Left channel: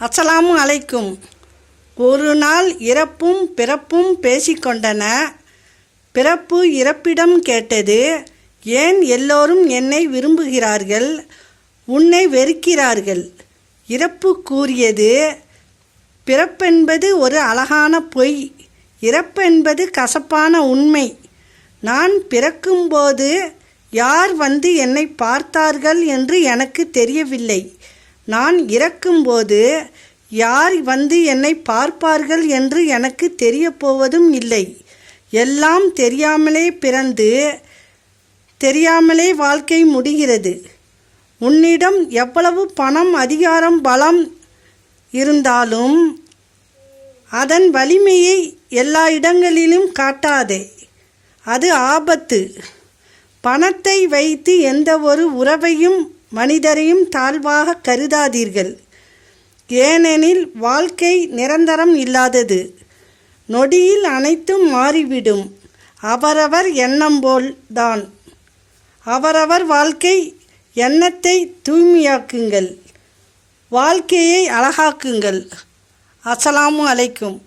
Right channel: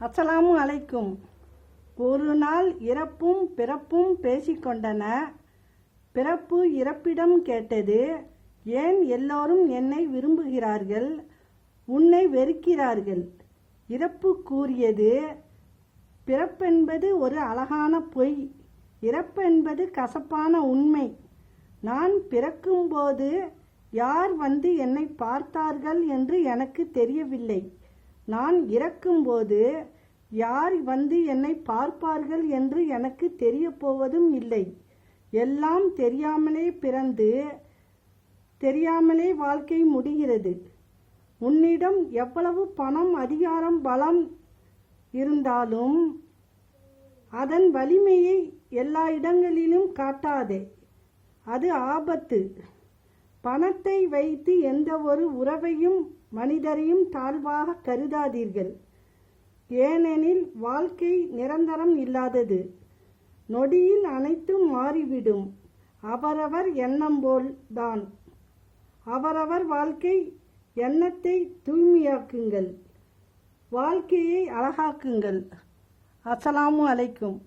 அஸ்ஸலாமு அலைக்கும். ஒரு நாள் இறப்பும் பிறப்பும் பேசிக்கொண்டன. பிறப்பு இறப்பிடம் கேட்டது, ஏன் எல்லோரும் என்னை விரும்புகிறார்கள், உன்னை வெறுக்கிறார்கள்? இறப்பு கூறியது, பிறப்பென்பது ஒரு அழகான பொய், இறப்பென்பது கசப்பான உண்மை. நான் பிறக்கும்போது யார் வந்து என்னை பார்த்தார்கள் என்று எனக்கு தெரியவில்லை. நான் இறக்கும்போது யார் வந்து என்னை பார்ப்பார்கள் என்று எனக்கு தெரியப்போவதும் இல்லை. எல்லாம் தெரியாமலே பிறந்து தெரியாமலே வாழ்க்கை முடிகிறது. உன்னிடம் எவ்வளவு பணம், அதிகாரம், பலம் இருந்தாலும் அதன் வலிமையை எல்லா இடங்களிலும் காட்டாதே. அது ஆபத்து. பணத்தை வைத்து எந்த ஒரு உறவையும் மனிதரையும் தாழ்வாக கருதாதீர்கள். ஏனெனில் வாழ்க்கை நிரந்தரம் இல்லாதது. நொடியில் அனைத்தும் மாறிவிடும். அவரவர் எண்ணம் போல்தான். அவரவர் வாழ்க்கை எண்ணத்தை தூய்மையாக்குங்கள், வாழ்க்கையை அழகாக்குங்கள். அஸ்ஸலாமு அலைக்கும்.